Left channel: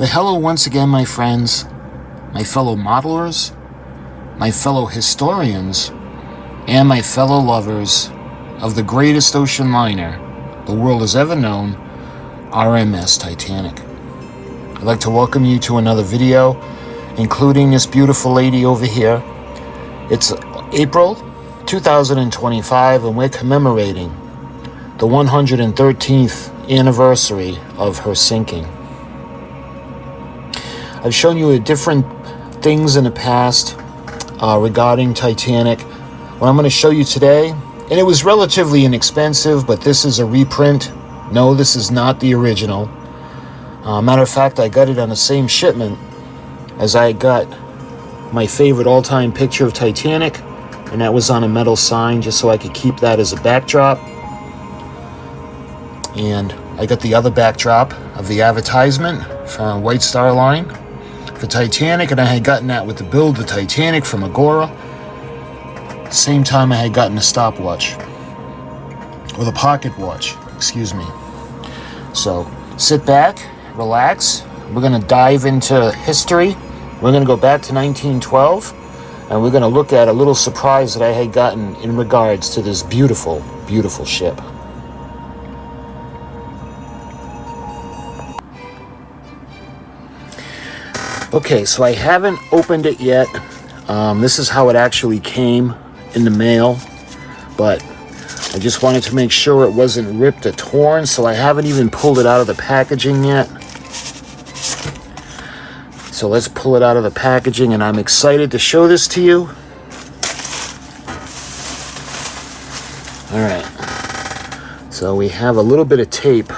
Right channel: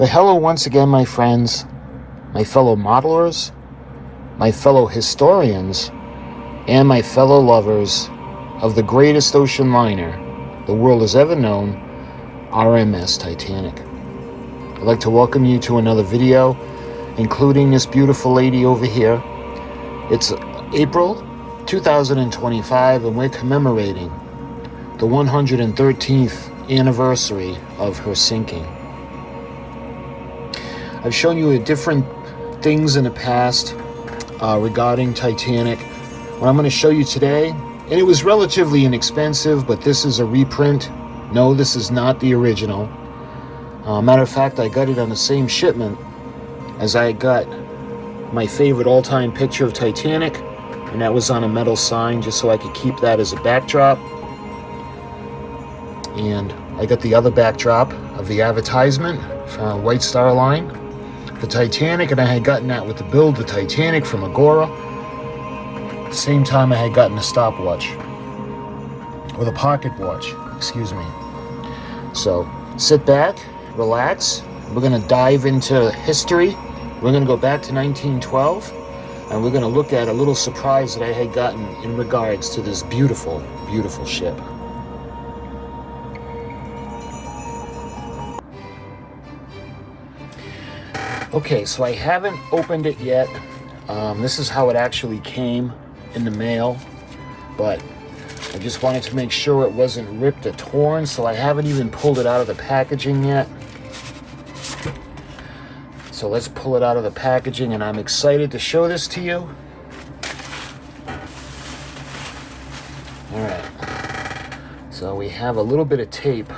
But hello once again, my friends, my fellow modelers, my fellow historians, and my fellow lovers of the greatest ocean liner the world has ever known, RMS Titanic. I'd like to welcome you to another video, including this beautiful lady over here. It's April 2025, and we're commemorating the 113th anniversary of her sinking. I've shown you different things in the past regarding Titanic. What I'm going to show you today, and it was relatively inexpensive, but this is a reprint. No, this is not the original. Matter of fact, I got it on the same shipment as I got my favorite all-time picture of Titanic, and that was on a metal sign just so I could keep that as a backdrop. And I got the other backdrop of the advertisement from White Star Line for Titanic, and I had gotten that with the build of Titanic from Agora. Same time I had gotten a stopwatch, or the pocket watch, excuse me. So sit back, relax. We're going to dive into history. We're going to go back to 1912, and we're going to look at a little surprise that I had gotten in regards to this beautiful, beautiful ship. Okay, so I haven't opened it yet. This is how it actually came in the mail, but I just wanted to make sure it wasn't ripped or torn, so I haven't even pulled it out of the packaging yet. So let's pull it out of the packaging, and I'm excited to show this to you. All right, so we have a little bit of tape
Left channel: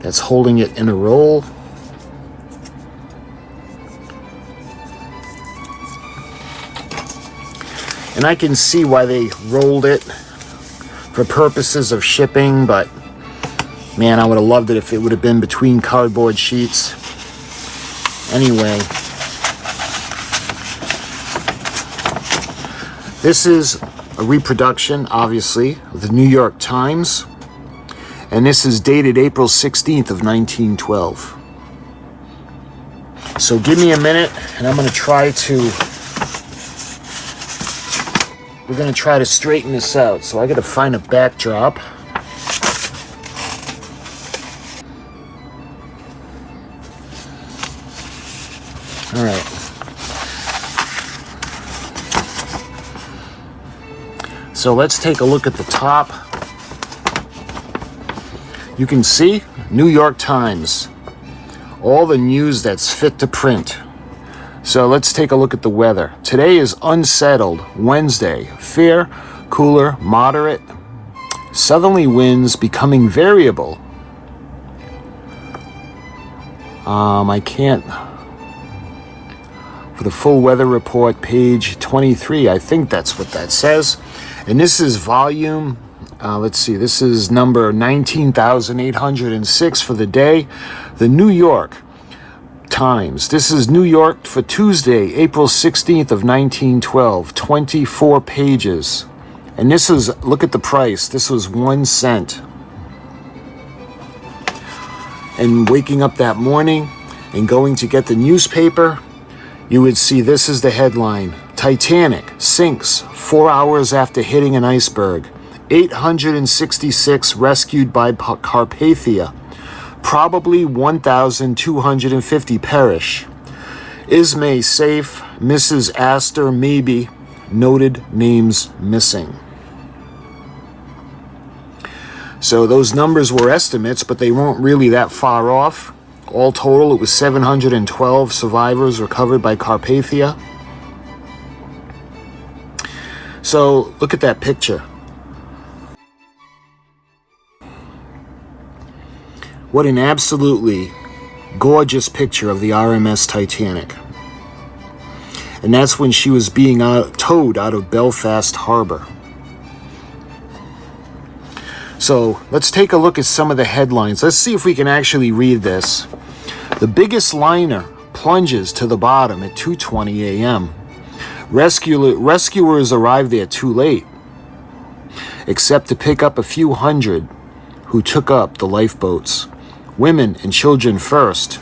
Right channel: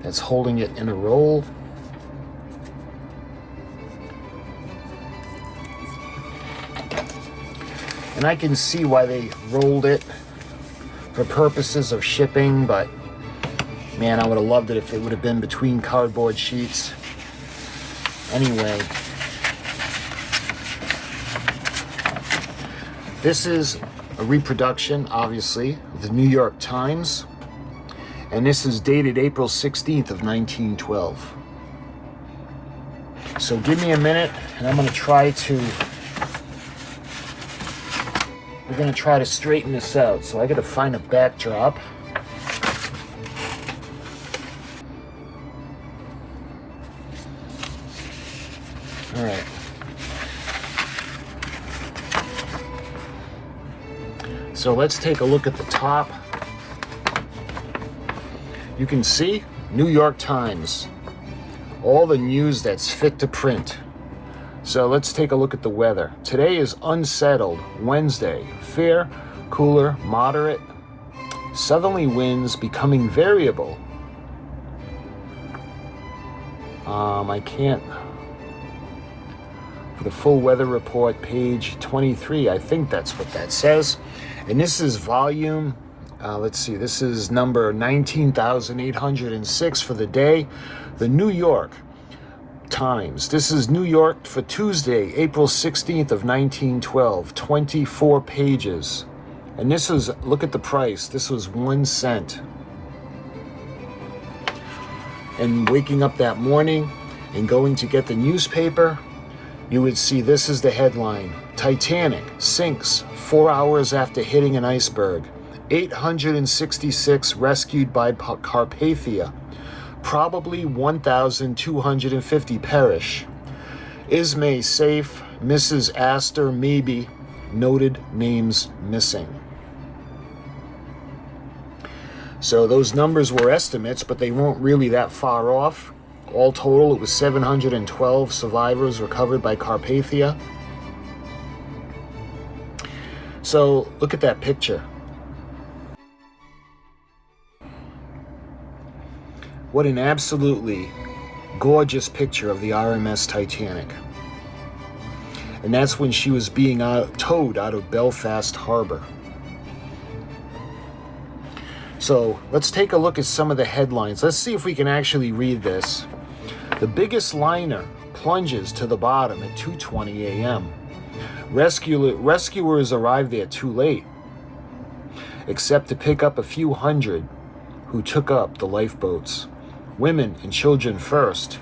that's holding it in a roll. And I can see why they rolled it for purposes of shipping, but man, I would have loved it if it would have been between cardboard sheets. Anyway, this is a reproduction, obviously, of the New York Times. And this is dated April 16th of 1912. So give me a minute, and I'm going to try to... We're going to try to straighten this out. So I got to find a backdrop. All right. So let's take a look at the top. You can see New York Times, all the news that's fit to print. So let's take a look at the weather. Today is unsettled, Wednesday, fair, cooler, moderate, southerly winds becoming variable. I can't, for the full weather report, page 23, I think that's what that says. And this is volume, let's see, this is number 19,806 for the day. The New York Times. This is New York for Tuesday, April 16th of 1912. 24 pages. And this is, look at the price. This was 1 cent. And waking up that morning and going to get the newspaper, you would see this is the headline. Titanic sinks 4 hours after hitting an iceberg. 866 rescued by Carpathia. Probably 1,250 perish. Ismay safe. Mrs. Astor maybe. Noted names missing. So those numbers were estimates, but they weren't really that far off. All total, it was 712 survivors recovered by Carpathia. So look at that picture. What an absolutely gorgeous picture of the RMS Titanic. And that's when she was being towed out of Belfast Harbor. So let's take a look at some of the headlines. Let's see if we can actually read this. The biggest liner plunges to the bottom at 2:20 a.m. Rescuers arrived there too late, except to pick up a few hundred who took up the lifeboats. Women and children first.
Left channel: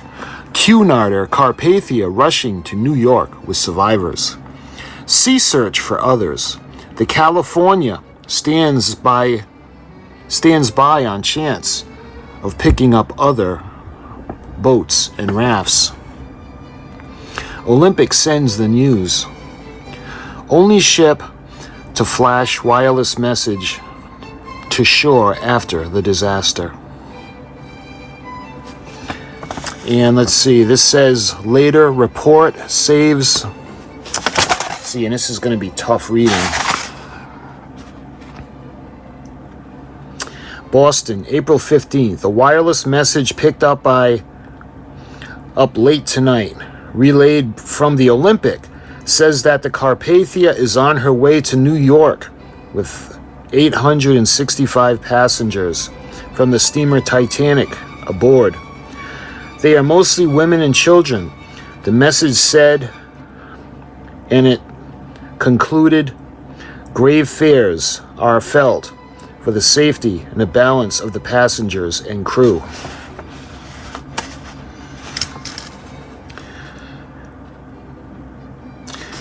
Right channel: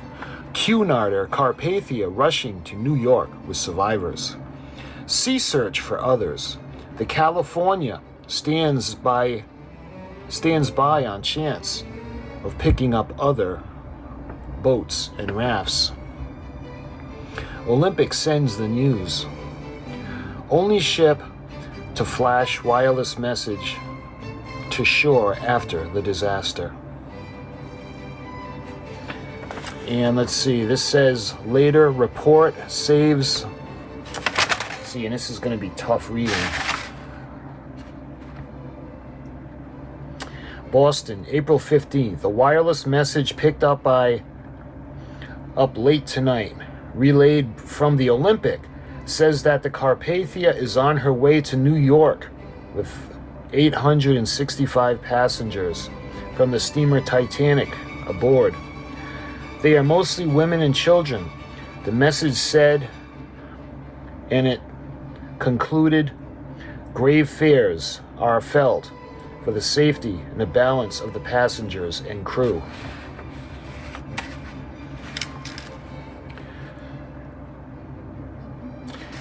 Cunarder Carpathia rushing to New York with survivors. Sea search for others. The California stands by on chance of picking up other boats and rafts. Olympic sends the news. Only ship to flash wireless message to shore after the disaster. And let's see, this says later report saves. See, and this is going to be tough reading. Boston, April 15th. A wireless message picked up late tonight, relayed from the Olympic, says that the Carpathia is on her way to New York with 865 passengers from the steamer Titanic aboard. They are mostly women and children, the message said, and it concluded, grave fears are felt for the safety and the balance of the passengers and crew.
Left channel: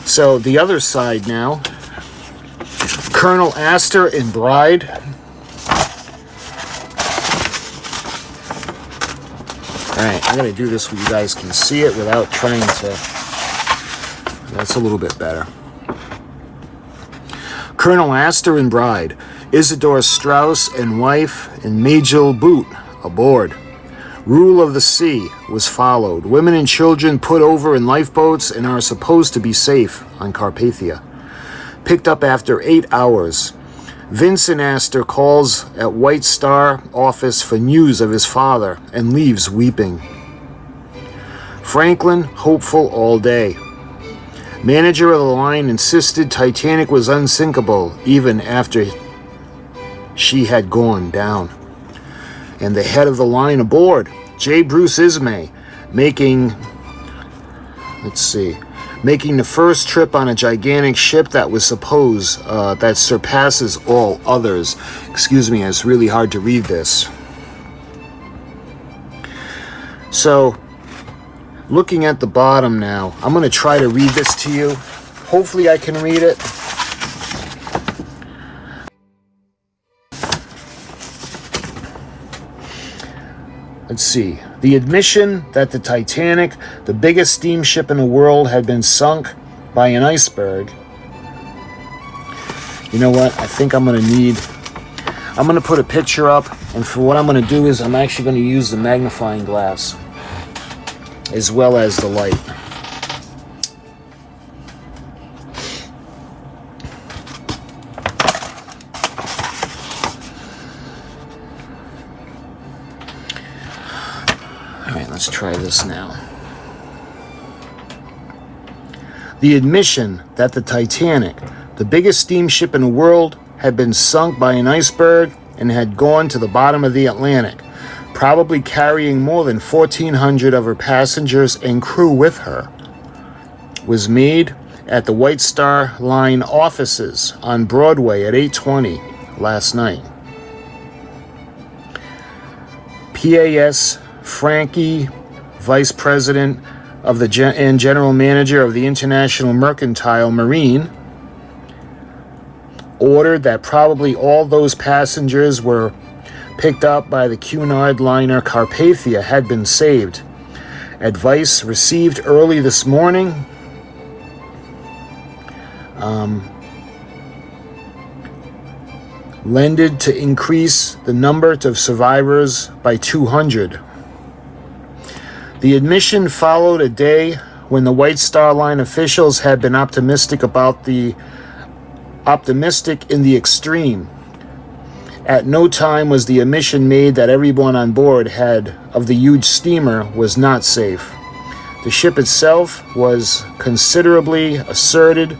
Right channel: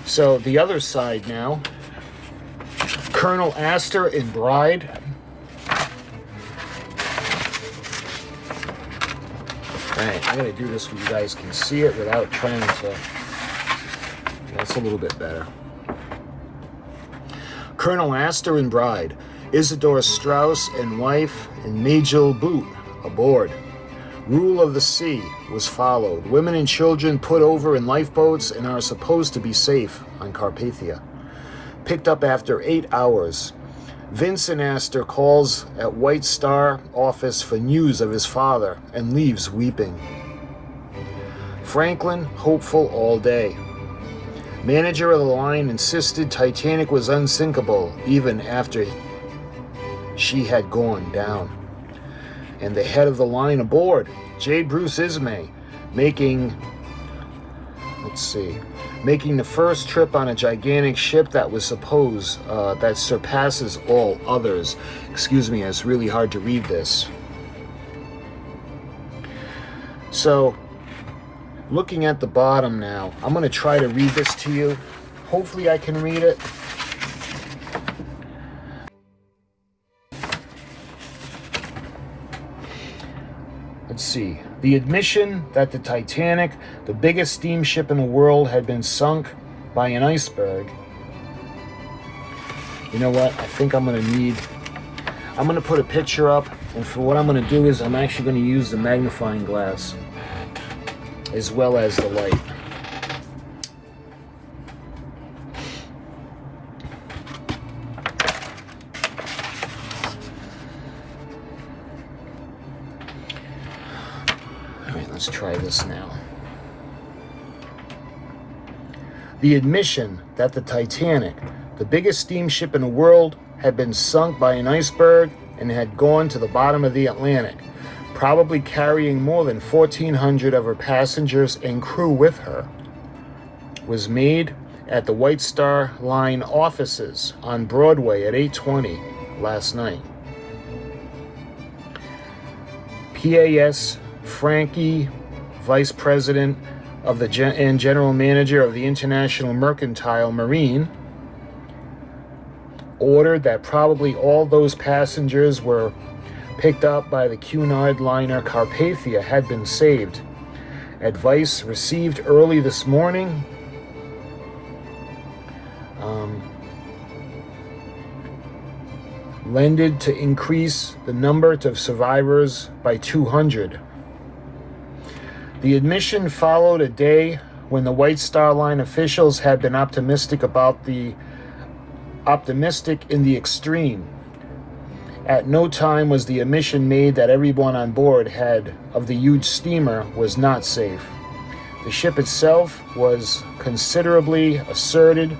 So the other side now, Colonel Astor and bride. Alright, I'm going to do this so you guys can see it without trying to. That's a little bit better. Colonel Astor and bride, Isidore Strauss and wife, and Majel Boot aboard. Rule of the sea was followed. Women and children put over in lifeboats and are supposed to be safe on Carpathia. Picked up after 8 hours. Vincent Astor calls at White Star office for news of his father and leaves weeping. Franklin, hopeful all day. Manager of the line insisted Titanic was unsinkable even after she had gone down. And the head of the line aboard, J. Bruce Ismay, making the first trip on a gigantic ship that was that surpasses all others. Excuse me, it's really hard to read this. So, looking at the bottom now, I'm going to try to read this to you. Hopefully I can read it. Let's see. The admission that the Titanic, the biggest steamship in the world, had been sunk by an iceberg. You know what? I think I'm going to put a picture up, and for what I'm going to do is I'm actually going to use the magnifying glass as well as the light. Let's try this now. The admission that the Titanic, the biggest steamship in the world, had been sunk by an iceberg and had gone to the bottom of the Atlantic, probably carrying more than 1,400 of her passengers and crew with her, was made at the White Star Line offices on Broadway at 8:20 last night. PAS Frankie, Vice President of and General Manager of the International Mercantile Marine, ordered that probably all those passengers were picked up by the Cunard liner Carpathia had been saved. Advice received early this morning lended to increase the number of survivors by 200. The admission followed a day when the White Star Line officials had been optimistic in the extreme. At no time was the admission made that everyone on board of the huge steamer was not safe. The ship itself was considerably asserted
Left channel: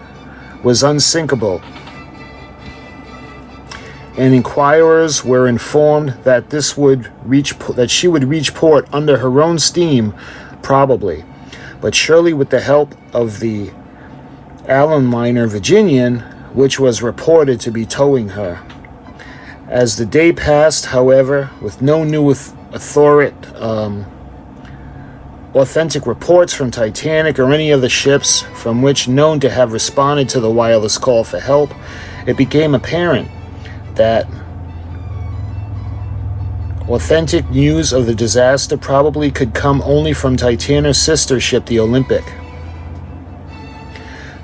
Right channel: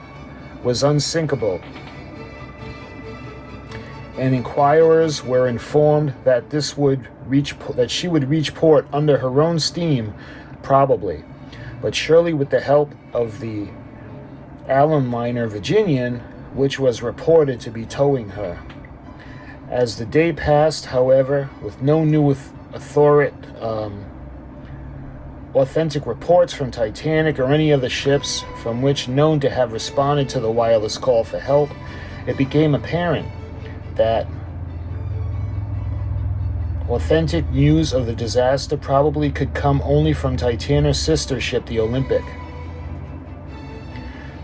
was unsinkable, and inquirers were informed that she would reach port under her own steam, probably, but surely with the help of the Allen liner Virginian, which was reported to be towing her. As the day passed, however, with no new authentic reports from Titanic or any of the ships from which known to have responded to the wireless call for help, it became apparent that authentic news of the disaster probably could come only from Titania's sister ship, the Olympic.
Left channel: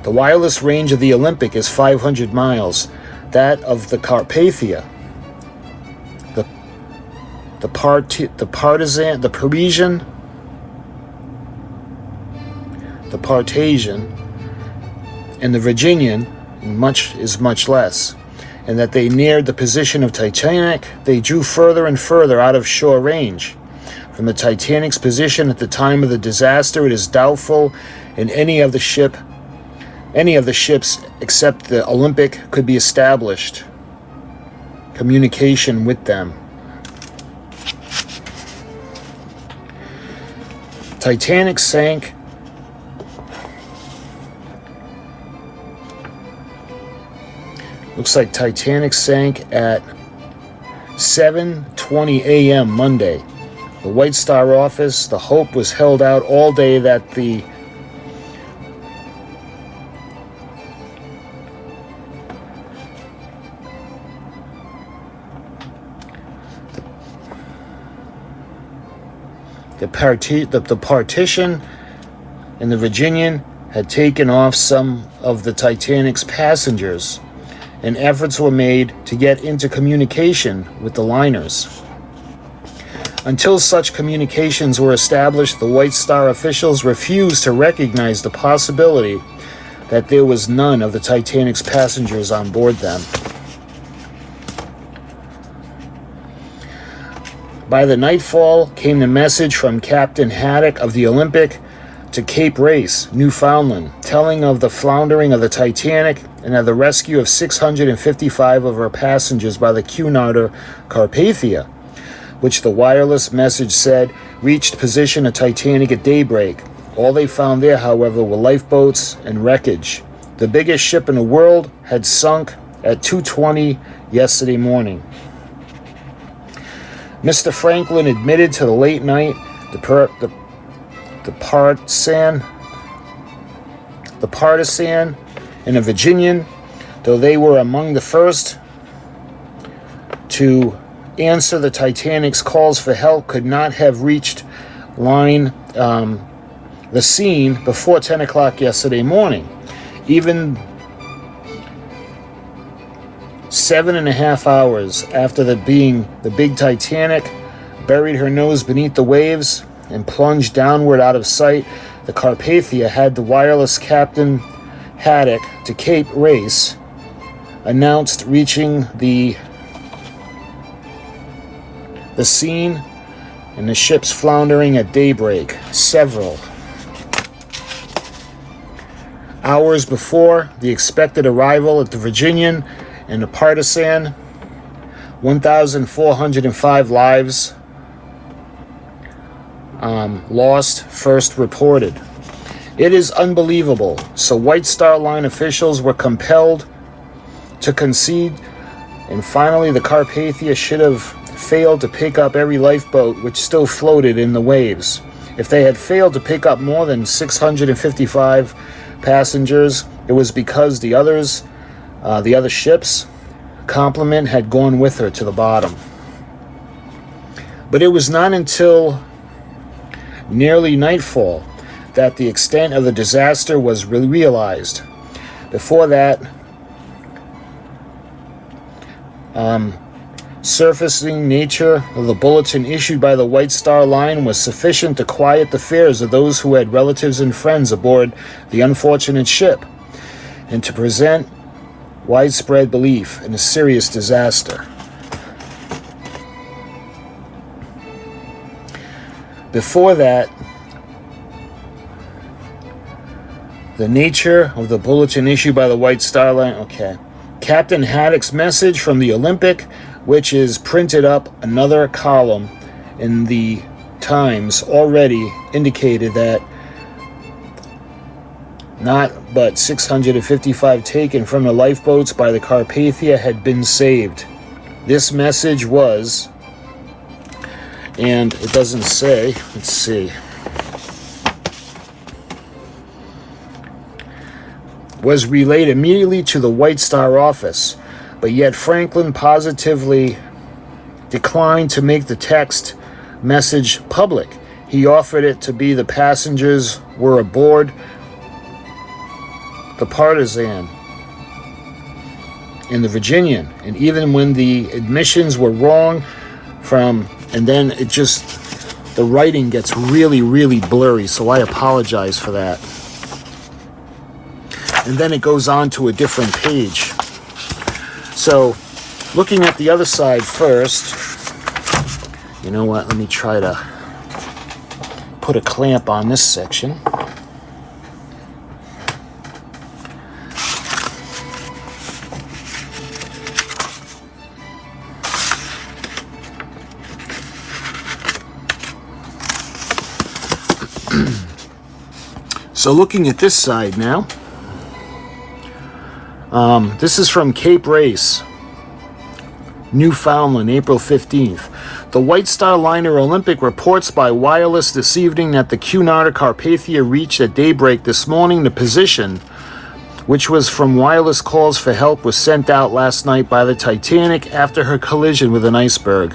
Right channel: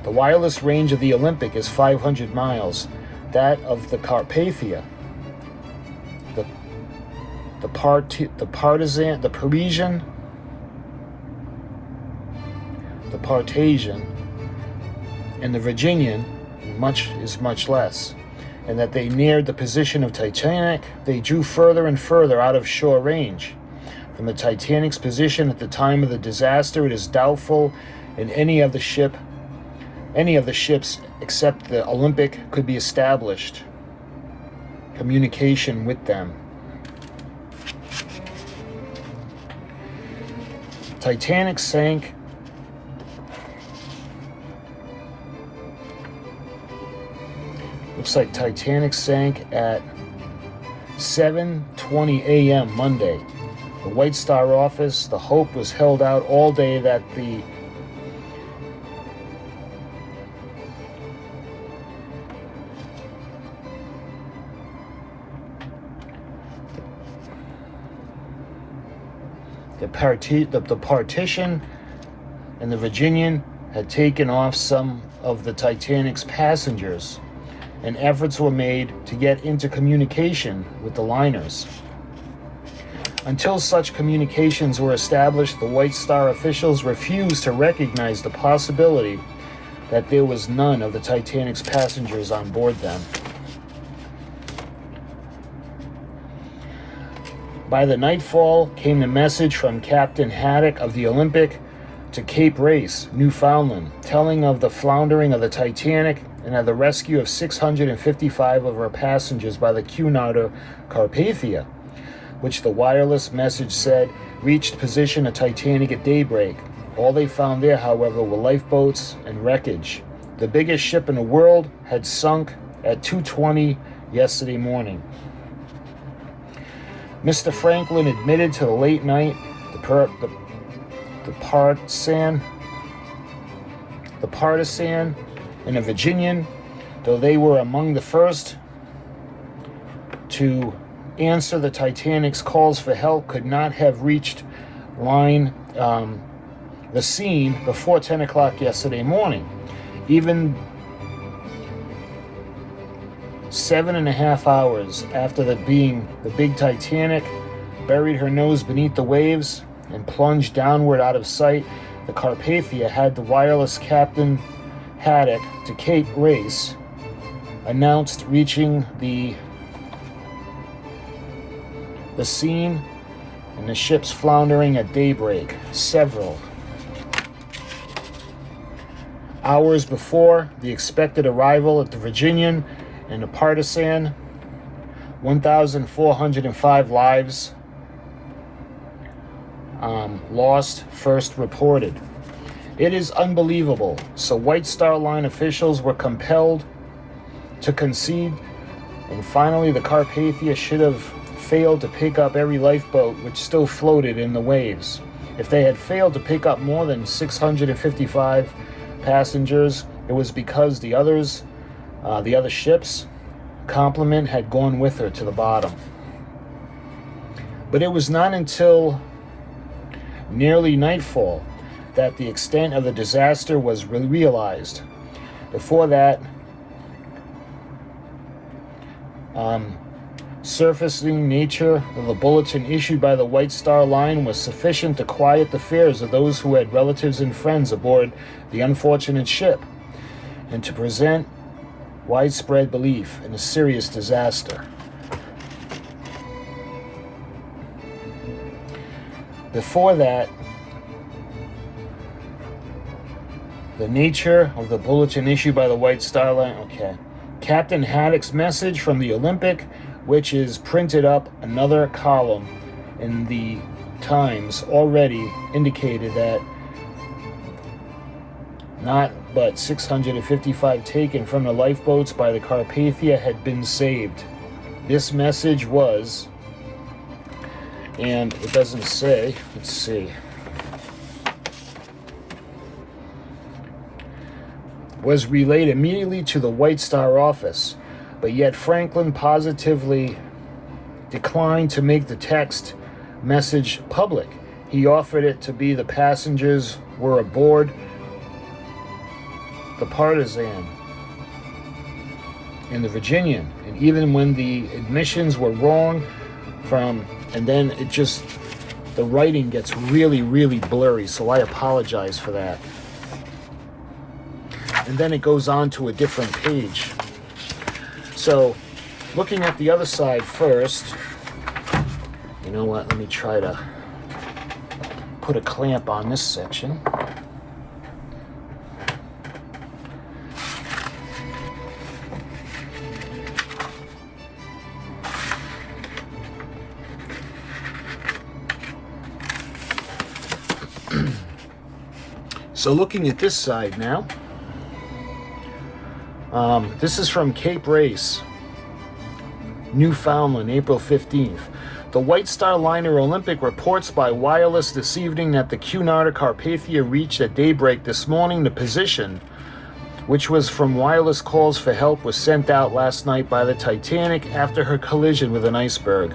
The wireless range of the Olympic is 500 miles. That of the Carpathia, the Parisian, and the Virginian is much less, and that they neared the position of Titanic, they drew further and further out of shore range. From the Titanic's position at the time of the disaster, it is doubtful in any of the ships except the Olympic could be established communication with them. Titanic sank Looks like Titanic sank at 7:20 a.m. Monday. The White Star office, the hope was held out all day that the partition and the Virginian had taken off some of the Titanic's passengers, and efforts were made to get into communication with the liners. Until such communications were established, the White Star officials refused to recognize the possibility that there was none of the Titanic's passengers on board them. By the nightfall came the message from Captain Haddock of the Olympic to Cape Race, Newfoundland, telling of the floundering of the Titanic and of the rescue of 655 of her passengers by the Cunarder Carpathia, which the wireless message said reached position of Titanic at daybreak. All they found there, however, were lifeboats and wreckage. The biggest ship in the world had sunk at 2:20 yesterday morning. Mr. Franklin admitted to the late night the Partisan and the Virginian, though they were among the first to answer the Titanic's calls for help, could not have reached the scene before 10 o'clock yesterday morning. Even 7.5 hours after the big Titanic buried her nose beneath the waves and plunged downward out of sight, the Carpathia had the wireless Captain Haddock to Cape Race announced reaching the scene and the ship's floundering at daybreak, several hours before the expected arrival at the Virginian and the Partisan. 1,405 lives lost, first reported. It is unbelievable. So White Star Line officials were compelled to concede, and finally the Carpathia should have failed to pick up every lifeboat which still floated in the waves. If they had failed to pick up more than 655 passengers, it was because the other ships' complement had gone with her to the bottom. But it was not until nearly nightfall that the extent of the disaster was realized. Before that, surfacing nature of the bulletin issued by the White Star Line was sufficient to quiet the fears of those who had relatives and friends aboard the unfortunate ship, and to present widespread belief in a serious disaster. Before that, the nature of the bulletin issued by the White Star Line. Okay. Captain Haddock's message from the Olympic, which is printed up another column in the Times, already indicated that not but 655 taken from the lifeboats by the Carpathia had been saved. this message was, and it doesn't say, let's see, was relayed immediately to the White Star office, but yet Franklin positively declined to make the text message public. He offered it to be the passengers were aboard the Partisan and the Virginian, and even when the admissions were wrong and then it just, the writing gets really, really blurry, so I apologize for that. And then it goes on to a different page. So, looking at the other side first, you know what, let me try to put a clamp on this section. So looking at this side now, this is from Cape Race, Newfoundland, April 15th. The White Star Liner Olympic reports by wireless this evening that the Cunarder Carpathia reached at daybreak this morning the position, which was from wireless calls for help, was sent out last night by the Titanic after her collision with an iceberg.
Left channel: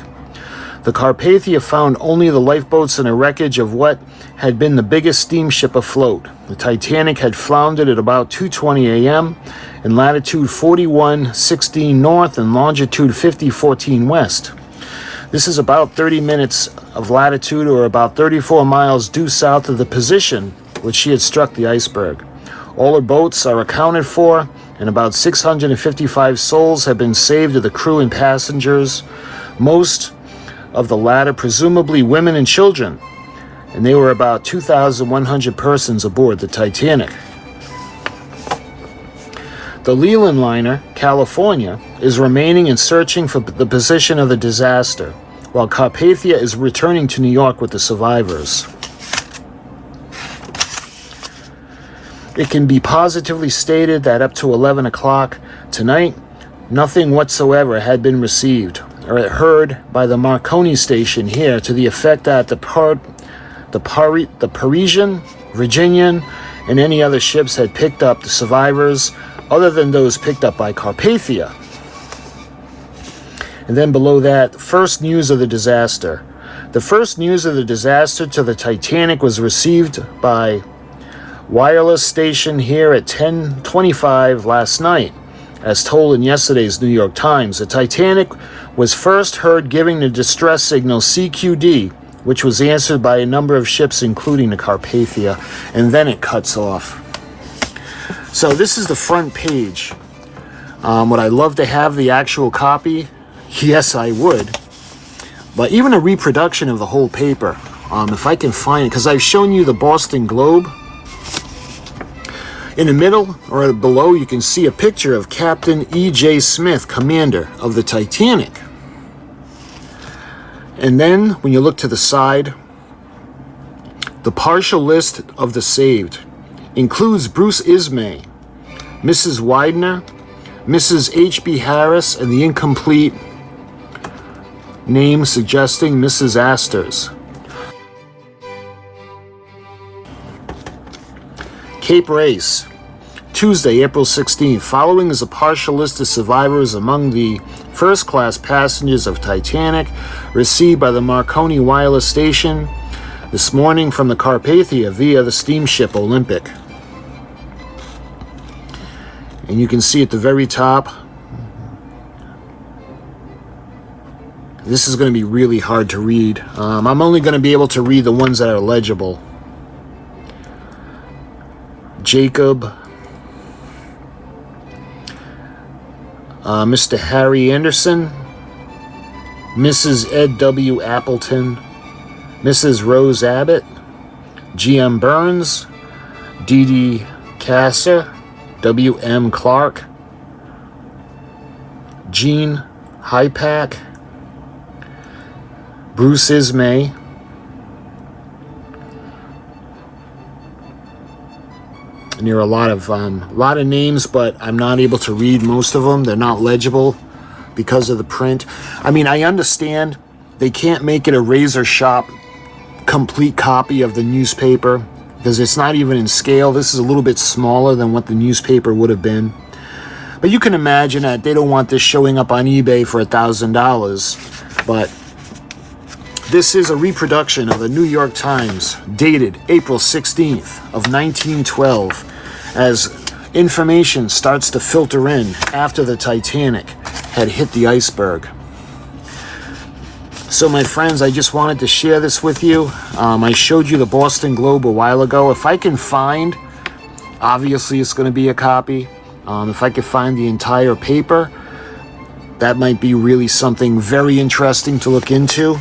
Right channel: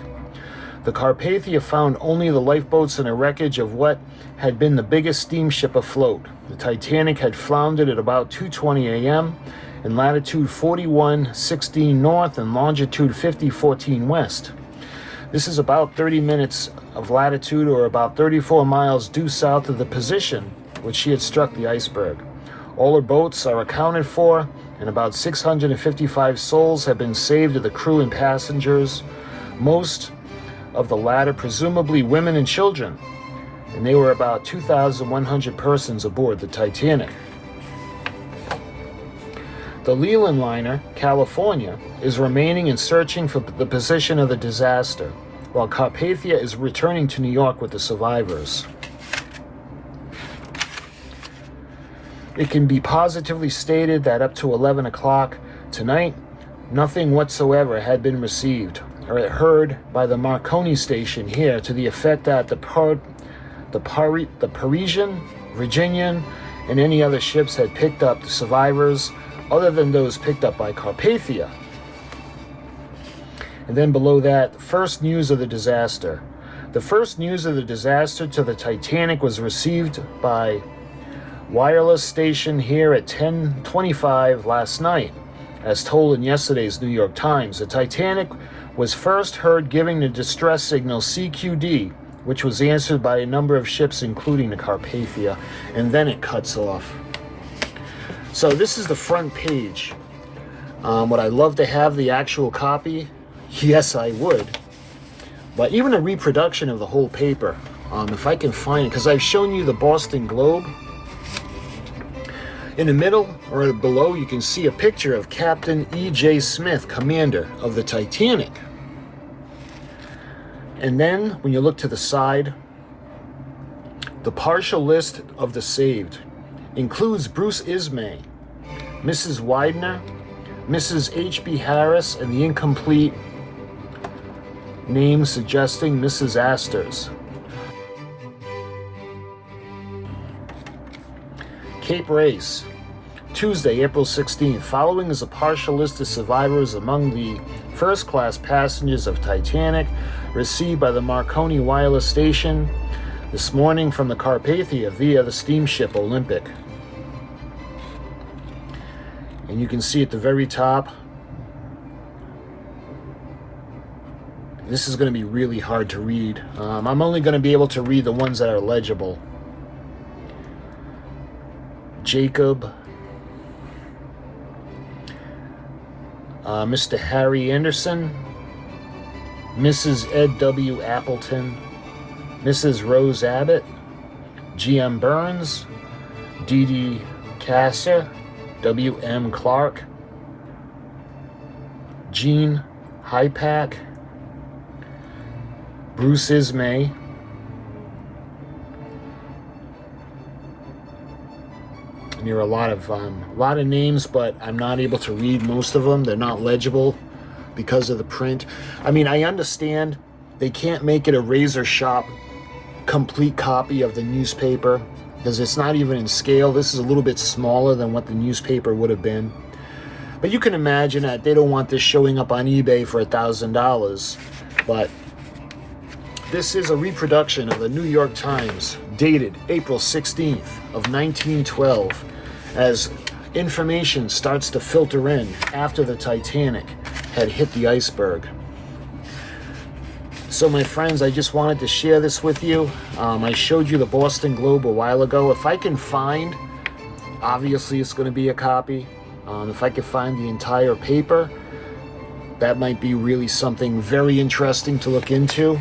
The Carpathia found only the lifeboats and a wreckage of what had been the biggest steamship afloat. The Titanic had floundered at about 2:20 a.m. in latitude 41:16 north and longitude 50:14 west. This is about 30 minutes of latitude, or about 34 miles due south of the position which she had struck the iceberg. All her boats are accounted for, and about 655 souls have been saved of the crew and passengers, most of the latter presumably women and children, and they were about 2,100 persons aboard the Titanic. The Leland liner, California, is remaining and searching for the position of the disaster, while Carpathia is returning to New York with the survivors. It can be positively stated that up to 11 o'clock tonight, nothing whatsoever had been received or heard by the Marconi station here to the effect that the Parisian, Virginian, and any other ships had picked up the survivors other than those picked up by Carpathia. And then below that, first news of the disaster. The first news of the disaster to the Titanic was received by wireless station here at 10:25 last night. As told in yesterday's New York Times, the Titanic was first heard giving the distress signal CQD, which was answered by a number of ships, including the Carpathia, and then it cuts off. So this is the front page. Would I love to have the actual copy? Yes, I would. But even a reproduction of the whole paper, if I can find it, because I've shown you the Boston Globe. In the middle, or below, you can see a picture of Captain E.J. Smith, commander of the Titanic. And then, when you look to the side, the partial list of the saved includes Bruce Ismay, Mrs. Widener, Mrs. H.B. Harris, and the incomplete name suggesting Mrs. Astor's. Cape Race, Tuesday, April 16th. Following is a partial list of survivors among the first-class passengers of Titanic received by the Marconi wireless station this morning from the Carpathia via the steamship Olympic. And you can see at the very top, this is going to be really hard to read. I'm only going to be able to read the ones that are legible. Jacob, Mr. Harry Anderson, Mrs. Ed W. Appleton, Mrs. Rose Abbott, G.M. Burns, D.D. Kasser, W.M. Clark, Gene Hypack, Bruce Ismay, and there are a lot of names, but I'm not able to read most of them. They're not legible. because of the print. I mean, I understand they can't make it a razor sharp complete copy of the newspaper because it's not even in scale. This is a little bit smaller than what the newspaper would have been. But you can imagine that they don't want this showing up on eBay for $1,000. But this is a reproduction of the New York Times dated April 16th of 1912 as information starts to filter in after the Titanic had hit the iceberg. So my friends, I just wanted to share this with you. I showed you the Boston Globe a while ago. If I can find, obviously it's going to be a copy. If I could find the entire paper, that might be really something very interesting to look into.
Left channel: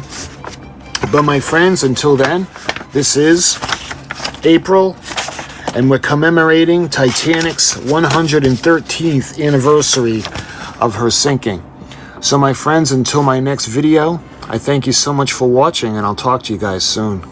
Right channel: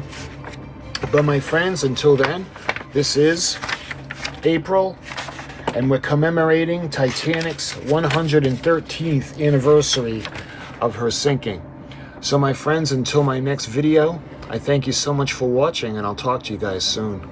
But my friends, until then, this is April, and we're commemorating Titanic's 113th anniversary of her sinking. So my friends, until my next video, I thank you so much for watching, and I'll talk to you guys soon.